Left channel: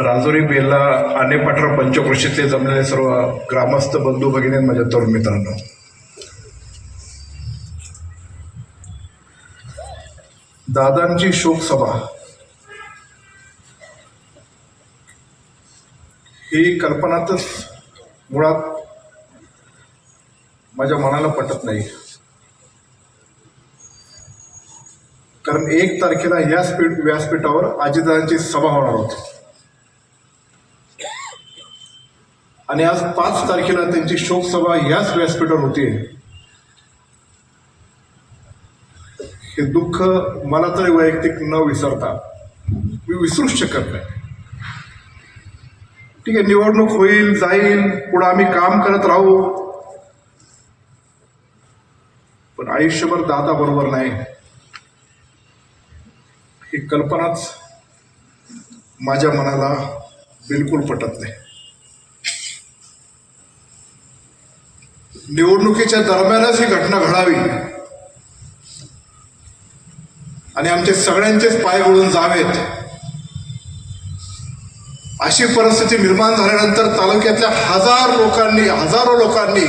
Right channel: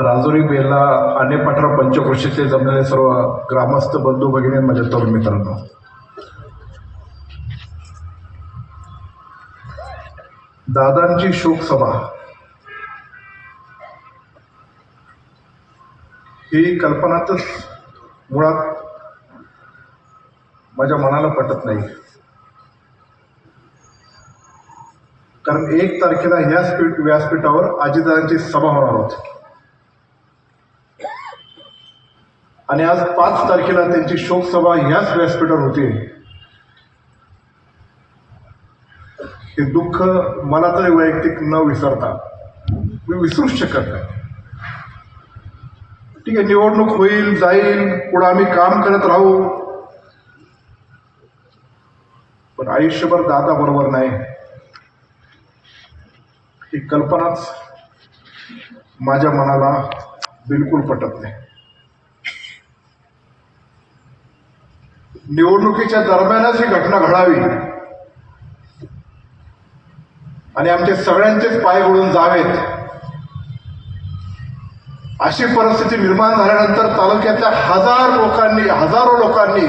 राजोरी बेला आणि पाठरा पंचक्रोशीतले जमलेले सर्व ग्रामस्थ बंधू भगिनी माझ्या तरुण मित्रांनो. दादांची शोकसभा ही कल्पनातच मुळात माझ्या मनाला पटत नाही. कारण एक तारखेला ह्या स्पीड व्यासपीठावर आजीदादांची सभा होणार होती. आणि आज पाच तारखेला त्यांची शोकसभा ह्याच व्यासपीठावर होती. हे दुःख मला तरी वैयक्तिक न विसरता मी विसरूच शकत नाही. ठीक आहे निवडणूक होईल जाईल पुढे आम्ही काम करत राहू. पण आयुष्यभर दादा बरोबर नाही. ही कल्पनाच माझ्या मनाला बिलकुल पटत नाही. निवडणुकीच्या दरम्यानच ही घटना घडावी. आणि आमचे सगळ्यांचेच पाय गळून जावेत. अशी परिस्थिती निर्माण झाल्यानंतर तालुक्यातल्या हजार लोकांनी हजारो लोकांनी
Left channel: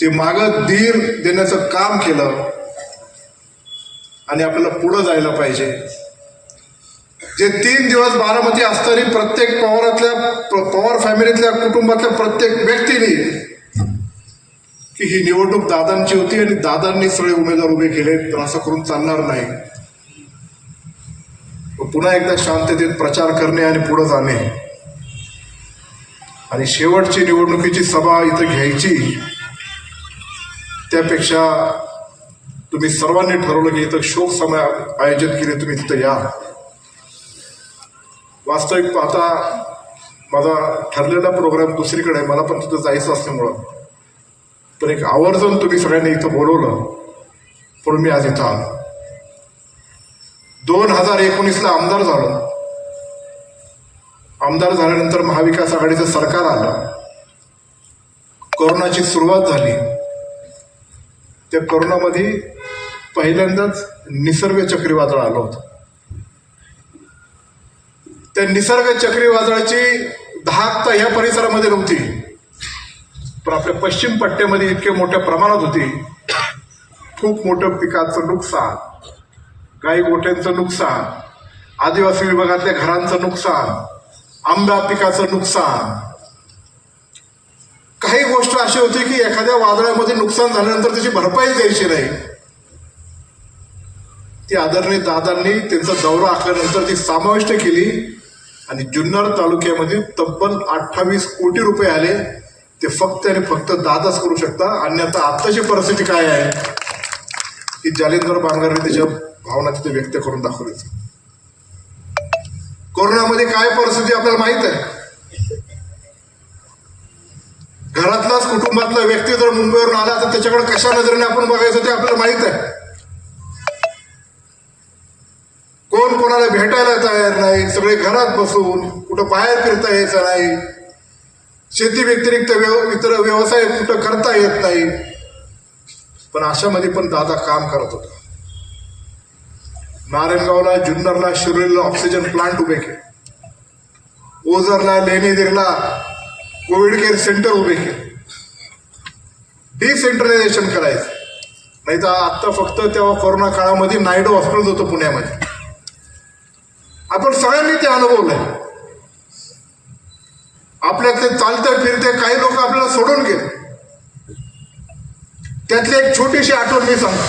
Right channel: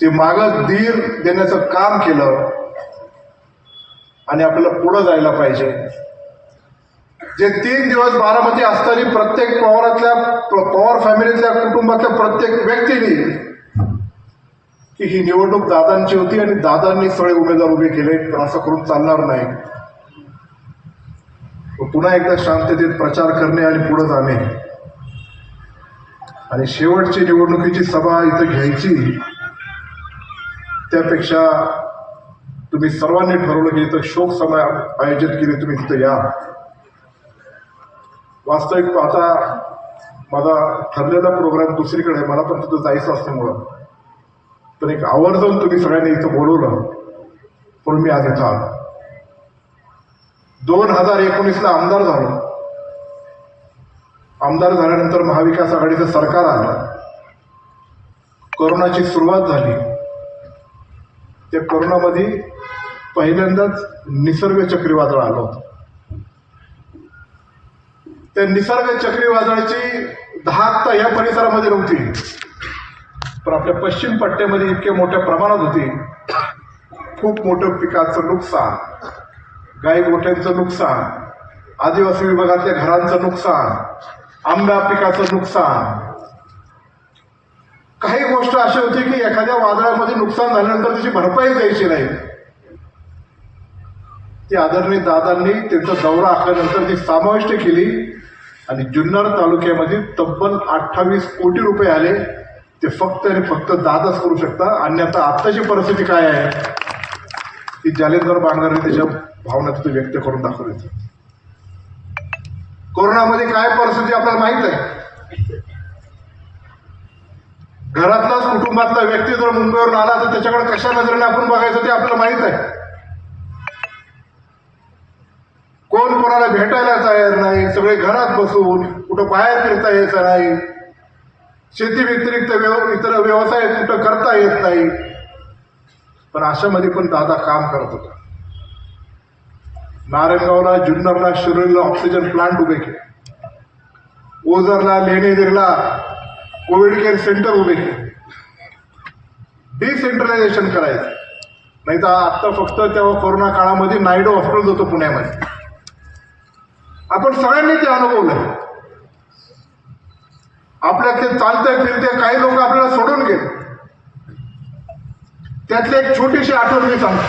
ते मागं धीर देण्याचं काम केलं आणि आपल्याला पुढं जायला पाहिजे. जे तीन दिवस बारामती असताना प्रत्येक पवारातल्या प- पवार फॅमिलीतल्या कुटुंबातल्या प्रत्येक व्यक्तीने की ही निवडणूक दादांची होती आणि दादांनी सगळे उमेदवार उभे केले तर असं करून चालणार नाही. व पुन्हा एकदा शांततेत प्रचार करणे आणि पुढे जाणे. आणि शेवटची निवडणुकीची सभा इथं घ्यायची त्यापेक्षा तुम्ही सर्वांनी ठरवलं की इथं शोक समय आयोजित केले तुम्ही तिथं या. वास्तविक पाहता माझा ठरलेला प्रोग्राम दुसरीकडे मला पण तिथं जायचं असल्यामुळं. पण एक आवर्जून तुम्ही सगळ्यांनी इथं बोलवलं. पण मी आज इथं आलो. दोन हजार एकोणीसला आमदार झालो. आमदार झाल्यानंतर महाविकास आघाडीचं सरकार आलं. कोरोनाची सुरुवात झाली. त्या कोरोनामध्ये पहिल्यांदाच निसर्ग चक्रीवादळ आलं होतं. त्या निसर्ग चक्रीवादळाची धाक तर ह्या परिसरामध्ये नव्हती. पण आपल्या पश्चिम पट्ट्यामध्ये इतक्या मोठ्या प्रमाणात होती. खूप मोठं पिकाचं नुकसान गाई गोठ्यांचं नुकसान आदिवासी विभागातल्या घरांचं नुकसान आंबा पिकाचं नुकसान. काही गोष्ट अशी होती की एखाद्या वादळामध्ये नुकसान झाल्यानंतर त्याची भरपाई द्यायची नाही. ती आदरणीय दादांनी त्यांचा दौरा आखल्यानंतर ती समाविष्ट केली. आणि जुन्नर तालुक्यामध्ये तब्बल अठ्ठावीस कोटी रुपये आले. ते फक्त आणि फक्त दादाच करू शकता. अन्यथा आत्ताची परिस्थिती काय आहे? की जालिंदर बांगरने त्याच्या भावना तिथे व्यक्त करून दाखवायचं कोरोनामध्ये काय परिस्थिती आपल्याला माहीत आहे? घरातलाच कुटुंबातला व्यक्ती जर मुंबईवरून आला तर त्याच्याकडे कशा नजरेने आपण बघायचं ते आपल्याला माहीत आहे. कोण कोणाला भेटायला तयार नाही? सगळे घरात बसून कुठं बाहेर फिरता यायचं नाही. शेती व्यतिरिक्त व्यव इतर व्यवसाय कुठं करता येत नाही. पण अशामध्ये पण दादा काम करत होता. नारायणगावला जुन्नरला शिरोलीला ऑक्सिजन प्लांट उभे केले. ओझरला लेणीदिरला कोविड केअर सेंटर उभे केले. डिसेंट्रलायझेशन करायचं. नाही तर आत्ता फक्त तेव्हा कोरोना काळामध्ये नायडू हॉस्पिटल होतं पुण्यामध्ये. आपण सगळ्यांनी ते अनुभवलंय. आपल्यातले चालते फिरते काही लोक आपल्याला सोडून गेले. त्यातली एक छोटीशी आठवण मी सांगतो.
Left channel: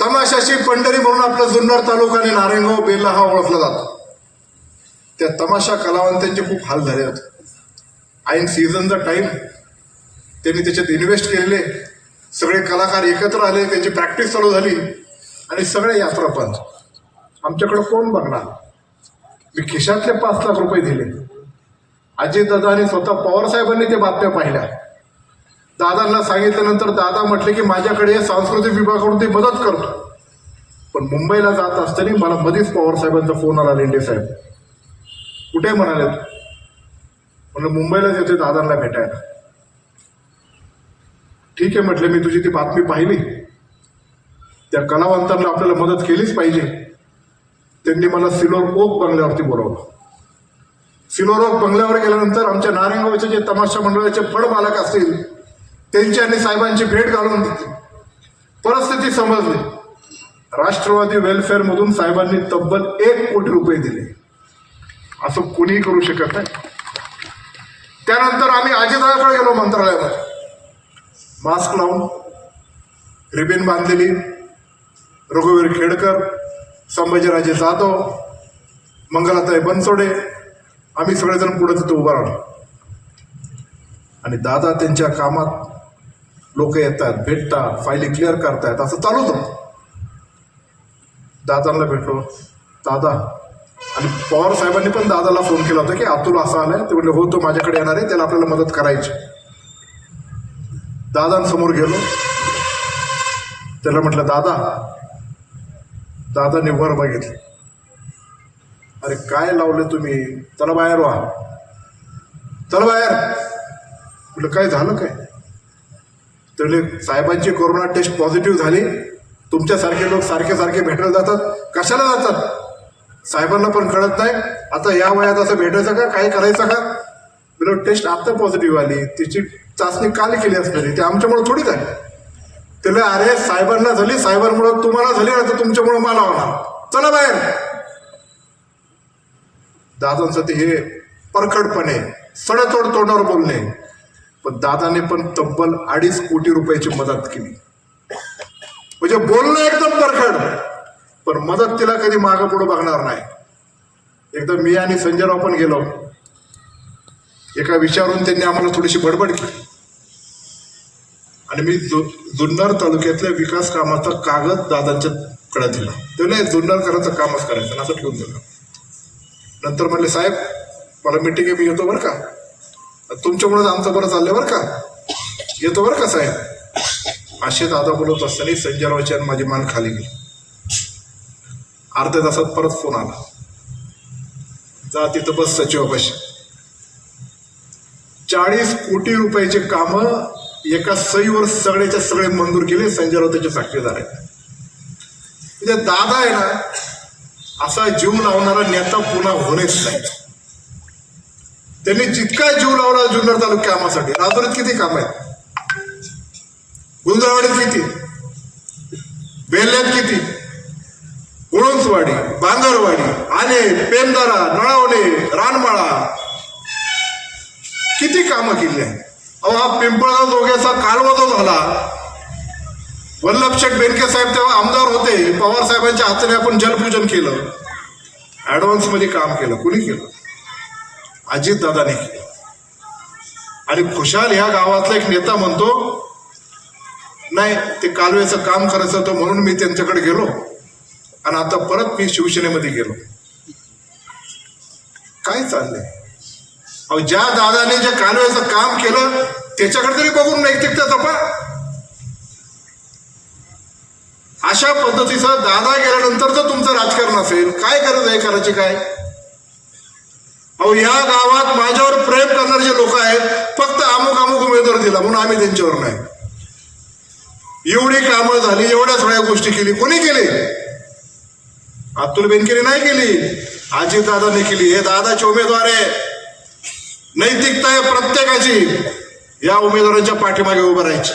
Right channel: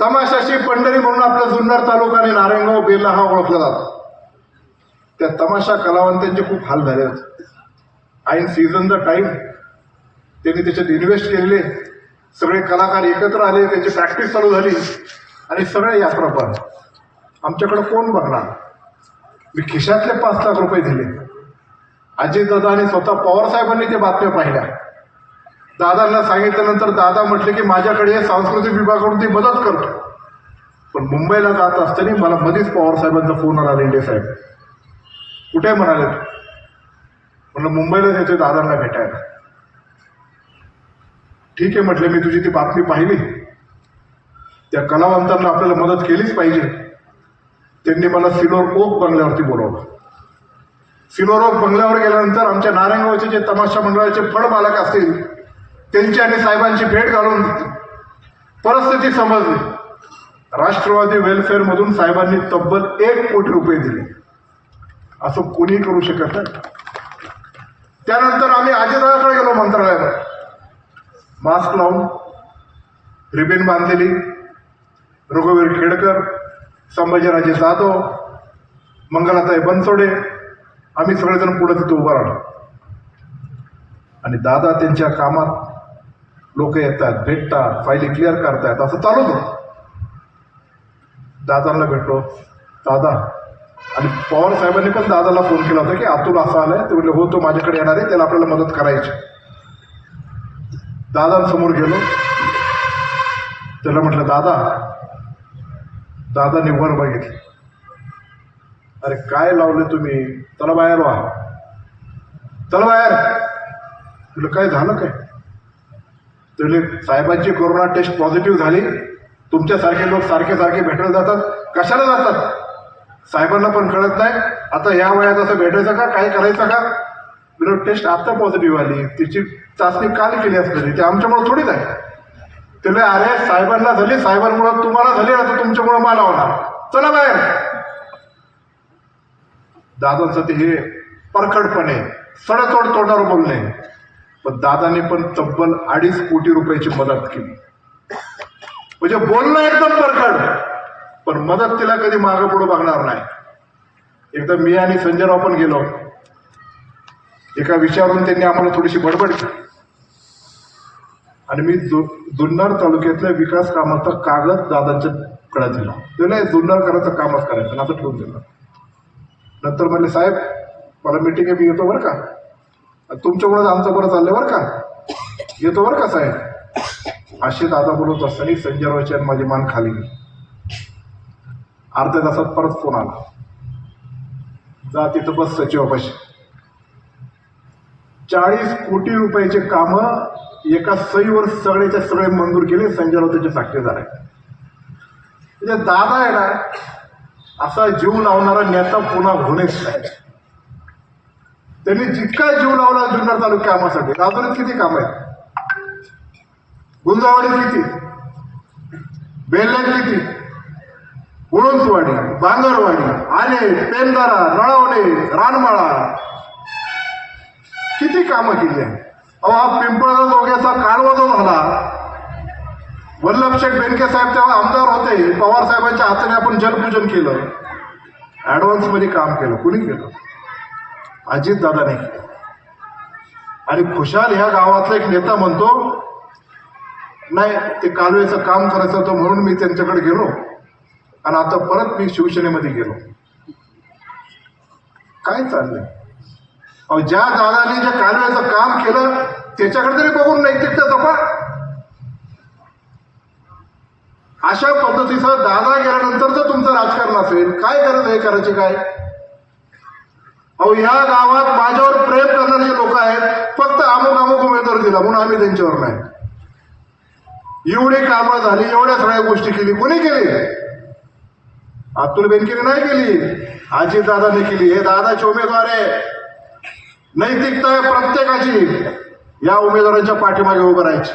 तमाशाची पंढरी म्हणून आपला जुन्नर तालुका आणि नारायणगाव बेल्ला हा ओळखला जातो. त्या तमाशा कलावंतांचे खूप हाल झाले होते. ऐन सीझनचा टाईम त्यांनी त्याच्यात इन्व्हेस्ट केलेले. सगळे कलाकार एकत्र आले त्याची प्रॅक्टिस चालू झाली आणि सगळे यात्रा पण आमच्याकडं कोण बघणार? मी खिशातले पाच लाख रुपये दिले. अजितदादा आणि स्वतः पवारसाहेबांनी त्या बातम्या पाहिल्या. दादांना सांगितल्यानंतर दादा म्हटले की माझ्याकडे सांस्कृतिक विभागाकडून ती मदत करतो पण मुंबईला जात असताना मला मध्येच पवारसाहेबांचा फोन आला लेंडे साहेब कुठे म्हणाले? म्हणलं मुंबईलाच येते दादांना भेटायला. ठीक आहे म्हटले मी तुझी ती बातमी पाहिली. त्या कलावंतांना आपल्याला मदत केलीच पाहिजे. त्यांनी मला सिलोर ओक बंगल्यावरती बोलवलं. सिलोर ओक बंगल्यावर गेल्यानंतर आमच्या नारायणगावचे जे तमाशा मंडळाचे फळमालक असतील त्यांची आणि साहेबांची भेट घालून परिस्थिती समजली. राष्ट्रवादी वेलफेअरमधून साहेबांनी तब्बल एक कोटी रुपये दिले. असं कोणीही करू शकत नाही. त्यानंतर आम्ही अजितदादाकडे गेलो मंत्रालयामध्ये. मास्क लावून रिबेन बांधलेली रघुवीर खेडकर संभाजीराजे जाधव मंगलाताई बनसोडे आम्ही सगळेजण पुढे तिथं उभं राहलो आणि दादा त्यांच्या कामात लोक येतात भेटतात फायली क्लिअर करतायत असं चालूच होतं. दादांना भेटलो. दादा आणि पवार साहेबांनी पण दादाला फोन केला होता की अतुल असा आलाय. ते म्हटलं हो तो माझ्याकडे येणार आहे त्याला आपल्याला मदत करायची दादांसमोर गेलो. त्याला म्हटलं दादा दादाने वर बघितले. अरे काय लावले तुम्ही? चला बाहेर व्हा चला बाहेर. म्हटलं काय झालं काय? तर साहेबांची कोरोना टेस्ट पॉझिटिव्ह झाली. तुमच्यासारखे लोक सारखे सारखे भेटायला जातात. कशाला जातात? साहेबांना पण कळत नाही. आता या वयात असं भेटायचं का? काय करायचं का? बिलो टेस्ट आत्ता पॉझिटिव्ह आली. तिची चाचणी काल केली असलेली. ते आमच्यामुळे थोडीच आहे. त्याला अरे सायबरला झाली सायबरमुळं तुम्हाला झाली ना तर तुमच्यामुळं मला होणार. चला बाहेर. दादांचं ते हे परखडपणे सडतोड तोंडावर बोलणे. पण दादाने पण तब्बल अडीच कोटी रुपयाची मदत केली. म्हणजे बोलणं एकदम परखड पण मदत तिला कधी मागं पुढं बघणार नाही. एकदा मी आणि संजयराव पण गेलो. एका विचारून त्यांनी आम्हाला थोडीशी बडबड केली. आणि मी जु जुन्नर तालुक्यातल्या विकास कामाचा कागद दादांच्या कडे दिला. त्याला जुन्नर घराचं कामच करायचं असं ठेवून दिलं. नंतर म्हणले साहेब मला मिटिंग आहे मी येतो बरं का? तुमच्यामुळेच आमचं बरं चाललं बरं का? येतो बरं का साहेब? असे दादा बोलत असताना संजयरावची आणि माझी मान खाली गेली. अर्ध्या तासात परत फोन आला. जा तिथं बस सचिवापाशी. चाळीस कोटी रुपयाचे कामं एका सईवर सगळेच्या सगळे मंजूर केले संजयराव त्याचे साक्षीदार आहेत म्हणजे दादा आहे ना असा जीव लावणारा नेता पुन्हा होणेच नाही. त्यांनी जितका जीव लावला जुन्नर तालुक्या कामासाठी राजुरीत किती काम आहेत? गुंजावाडीत किती? बेल्ल्यात किती? गुळुंचवाडी बांगरवाडी आले पेंदारा नळावणे रानमाळा. किती कामं केली आहेत? अहो हा पिंपळा जोग्याचा कालवा जो झाला. वल्लभशेठ बेनके साहेब तेव्हा आमदार होते. पवार साहेबांच्या हाताने आपण जलपूजन केलं. ॲडव्हान्समध्ये काम केलं. कुणी केलं? अजितदादाने केलं. आणि खुशाल ह्या गावातला एक नेता म्हणतो नाही ते कालवेचं काम करायचं होतं म्हणून मी त्यांच्याकडे गेलो. आणि आता परत मी शिवसेनेमध्ये गेलो. काय चाललंय? अहो ज्या दादाने ज्या कालव्याचं काम केलं त्याच्याकडे तरी बघून नाही तिकडे तपा अशा पद्धतीचं दादा गेल्यानंतर जर तुमचं राजकारण असेल काय करत आहे करायचे काय? अहो या गावात माझ्यावर प्रेम करणारे जे लोक आहेत फक्त अमुक अमुक उमेदवार दिला म्हणून आम्ही त्यांच्यावर नाही. एवढी कामं झाली एवढ्या सगळ्या गोष्टी केली कोणी केली? अतुल बेनकेने नाही केली. आजी दादाने केली. हे दादाचे उमेदवार आहे. नैतिकता आहे प्रत्येकाची या उमेदवारांच्या पाठीमागे उभं राहायची.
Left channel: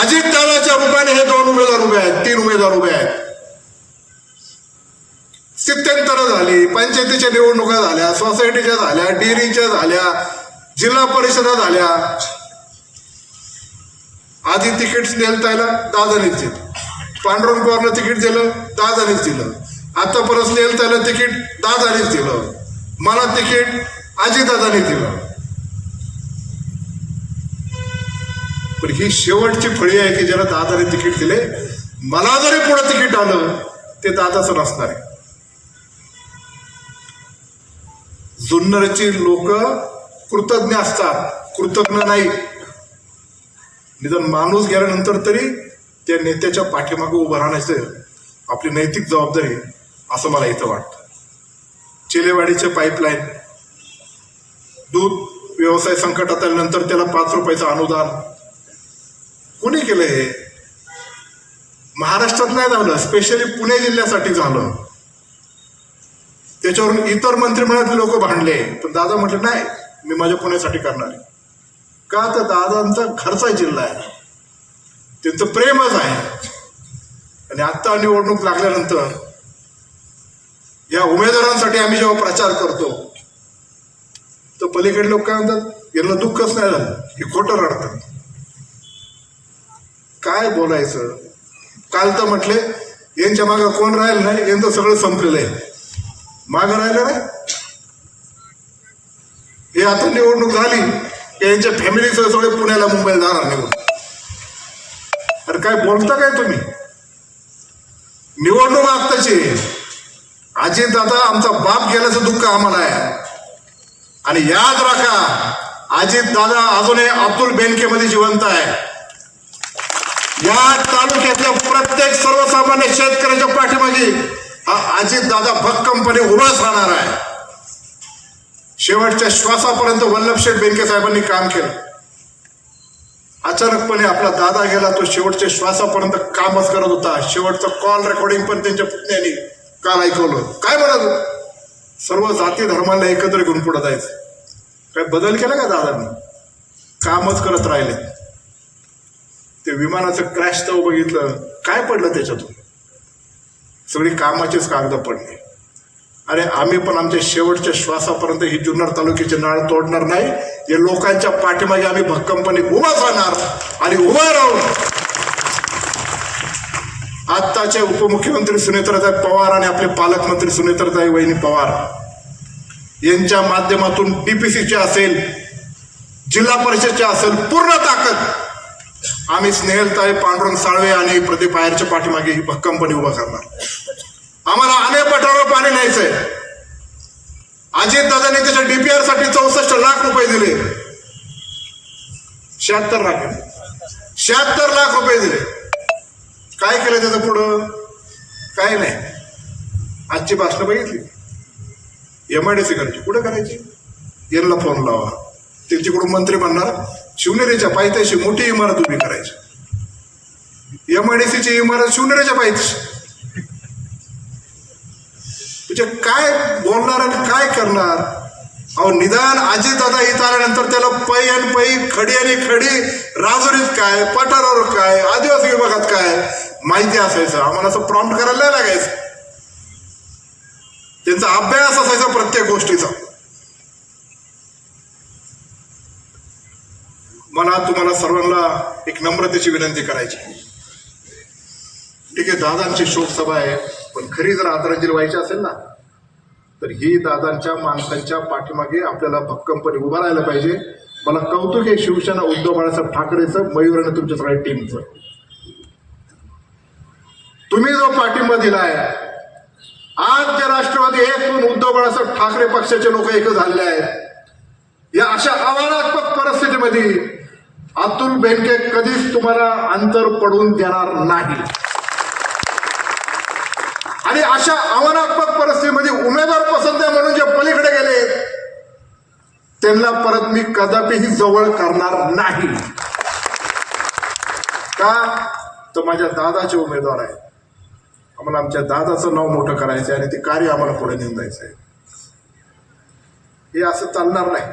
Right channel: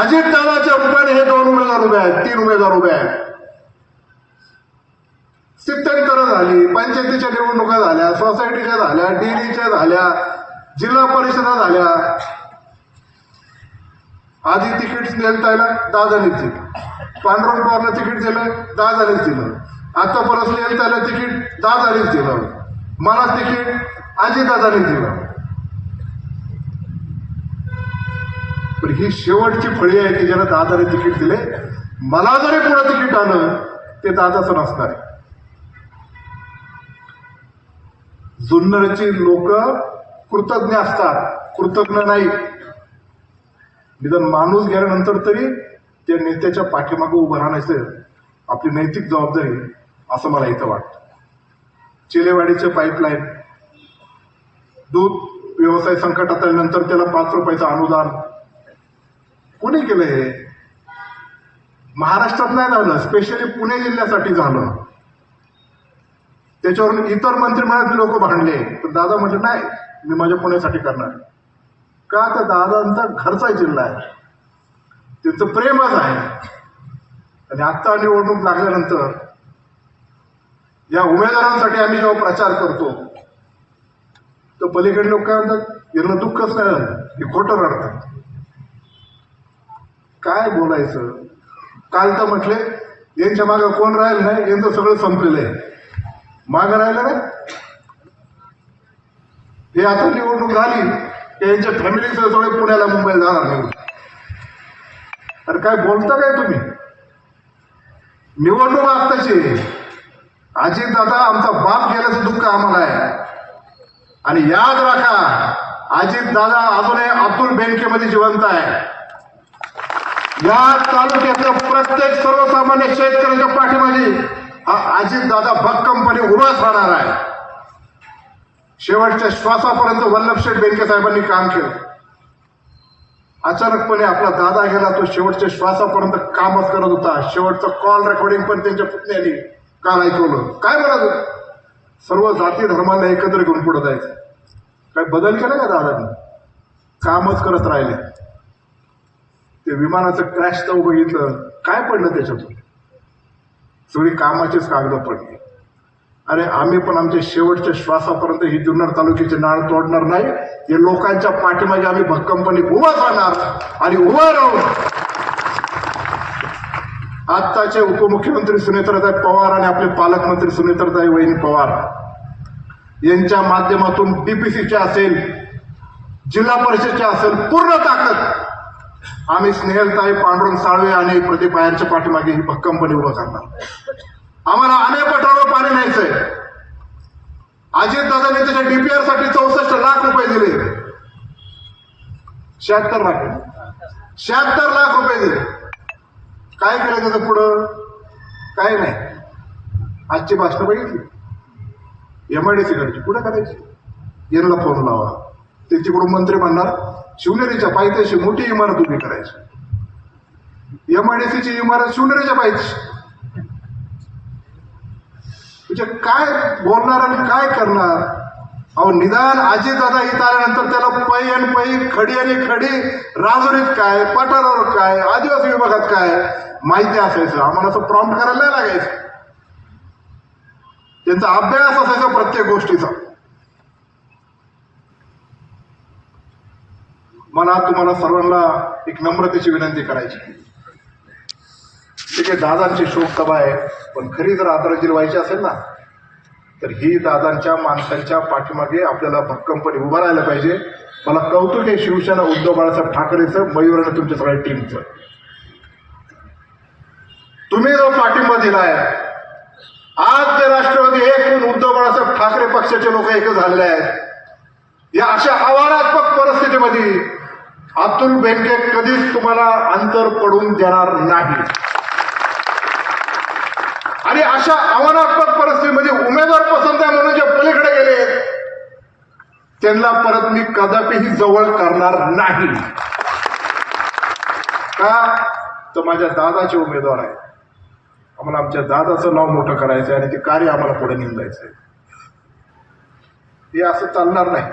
अजित दादाच्या रूपाने हे दोन उमेदवार उभे आहेत तीन उमेदवार उभे आहेत. स्थित्यंतर झाली पंचायतीच्या निवडणुका झाल्या सोसायटीच्या झाल्या डेअरीच्या झाल्या जिल्हा परिषदा झाल्या. आधी तिकीट दिलं त्याला दादानीच दिलं. पांडुरंग पवारनं तिकीट दिलं दादानीच दिलं. आता परत नेल त्याला तिकीट दादानीच दिलं. मला तिकीट आजीदादाने दिलं. पण ही शेवटची फळी आहे की ज्याला दादाने तिकीट दिले मला जरी पुढं तिकीट आलं ते दादाचं नसणार आहे. जुन्नरची लोक कृतज्ञ असतात कृतज्ञ नाही. निदान माणूस गेल्यानंतर तरी त्या नेत्याच्या पाठीमागे उभं राहण्याचं आपली नैतिक जबाबदारी असं मला इथं वाटतं. चिलेवाडीचे पाईपलाईन दूध व्यवसाय संकटात आल्यानंतर त्याला पाच रुपयाचं अनुदान. कोणी केलं हे? महाराष्ट्रात नाही झालं स्पेशली पुणे जिल्ह्यासाठी झालं. त्याच्यावरून इतर मंत्रिमंडळातले लोक भांडले. पण दादा म्हटलं नाही मी माझ्या पुण्यासाठी करणार का? तर दादांचा घरचा जिल्हा आहे. त्यांचं प्रेमच आहे. आणि आत्ता निवडणूक लागल्यानंतर या उमेदवारांसाठी आम्ही जेव्हा प्रचार करतो तर पलीकडे लोक काय म्हणतात यांना दुःखच नाही झालं हे खोटं रडतात काय बोलायचं? काल तर म्हटले यांच्या मागं कोण राहिलं नाही यांचं सगळं संपलेलं आहे. मागं राहिलं नाही? हे आता निवडणूक झाली यांच्या फॅमिलीचं सगळे पुण्याला मुंबईला जाणार निवडून. अरे काय बोलता काय तुम्ही? निवडणूक आत्ताची अजित दादा आमचा बाप गेल्याचं दुःख आम्हाला आहे. आणि याद राखा अजित दादा अजूनही अब्दुल बँकेमध्ये जिवंत आहे. या तालुक्यातल्या प्रत्येक सर्वसामान्य शेतकऱ्याच्या पाठीमागे अजित दादा भक्कमपणे उभाच राहणार आहे. शेवटच्या श्वासापर्यंत वल्लभशेठ बेनके साहेबांनी काम केलं. अचानकपणे आपला दादा गेला तो शेवटच्या श्वासापर्यंत कामच करत होता. शेवटचं कॉल रेकॉर्डिंग पण त्यांच्या पुतण्याने काल ऐकवलं. काय बरं सर्व जाती धर्माला एकत्र घेऊन पुढे जायचं. काय बदल केला का दादांनी? कामच करत राहिले. ते विमानाचं क्रॅश तर बघितलं. काय पडलं त्याच्यातून? सगळी कामाचीच कागद पडली. अरे आम्ही पण आमच्या शेवटच्या श्वासापर्यंत ही जुन्नर तालुक्याची नाळ तोडणार नाही. या लोकांच्या पाठीमागे आम्ही भक्कमपणे उभा राहणार आणि उभा राहून आत्ताचे उपमुख्यमंत्री सुनेत्राताई पवार आणि आपले पालकमंत्री सुनेत्राताई वहिनी पवार यांच्या माध्यमातून डीपीसीचे असेल जिल्हा परिषदचे असेल पूर्ण ताकद. आम्ही स्नेहलताई पांडुरंग साळवे आणि प्रदीप आयरच्या पाठीमागे ही भक्कमपणे उभा करणार. आम्हाला अनेक पटावर पाणी न्यायचंय. अजित दादाने त्याच्या डीपीआरसाठी चौसष्ट लाख रुपये दिले. शहात्तर लाख. शहात्तर लाख रुपये दिले. काय केलं त्याचं पुढं? काय नाही. आजची भाषणं बघितली? एम आय डी सी करायची. कुठं करायची? यांना फोन लावा. त्यांच्याकडून मंत्री म्हणणार शिवनेरीच्या पायथ्याशी मोठी इमारत उभी करायची. एम आय डी सीची इमारत शिवनेरीच्या पायथ्याशी. म्हणजे काय बोलणार आणि काय करणार? अहो निदान आजी दादा इथं आल्यानंतर त्याला पै आणि पै खडी आणि खडी राजुरीत काय पठारावर काय आदिवासी विभागात काय माहिती असायचं. आम्हाला असं प्रॉम्प्ट करायला लागायचं. त्यांचा अभ्यास असायचा प्रत्येक गोष्टीचा. मला तुम्हाला सर्वांना एक नम्रतेची विनंती करायची. ठीक आहे दादांची शोकसभा आहे पण खरी जर आदरांजली व्हायची असेल ना तर ही दादांच्या माणसांच्या पाठीमागे आपल्याला भक्कमपणे उभं राहायला पाहिजे. मला कौतुक आहे शिवसेना उद्धव बाळासाहेब ठाकरेचं मयूर तुमच्या सगळ्या टीमचं तुम्ही जो पाठिंबा दिलाय आज ते राष्ट्रवादी एक उद्धव बाळासाहेब ठाकरे पक्षाचे लोक एक झालेले आहेत. या अशा आव्हानात्मक परिस्थितीमध्ये अतुल बँके कधीच तुम्हाला अंतर पडून देणार नाही. अशा आव्हानात्मक परिस्थितीमध्ये उमेदवार पसंत आहे म्हणून जे पलीकडे गेले त्यांना परत मी कदापिही जवळ करणार नाही. का? तो माझ्या दादाचे उमेदवार आहे आम्हाला आमच्या दादाचं नाव मोठं करायचं आहे आणि ते कार्य आम्हाला पुढे नेऊन जायचं आहे हे असं चालणार नाही.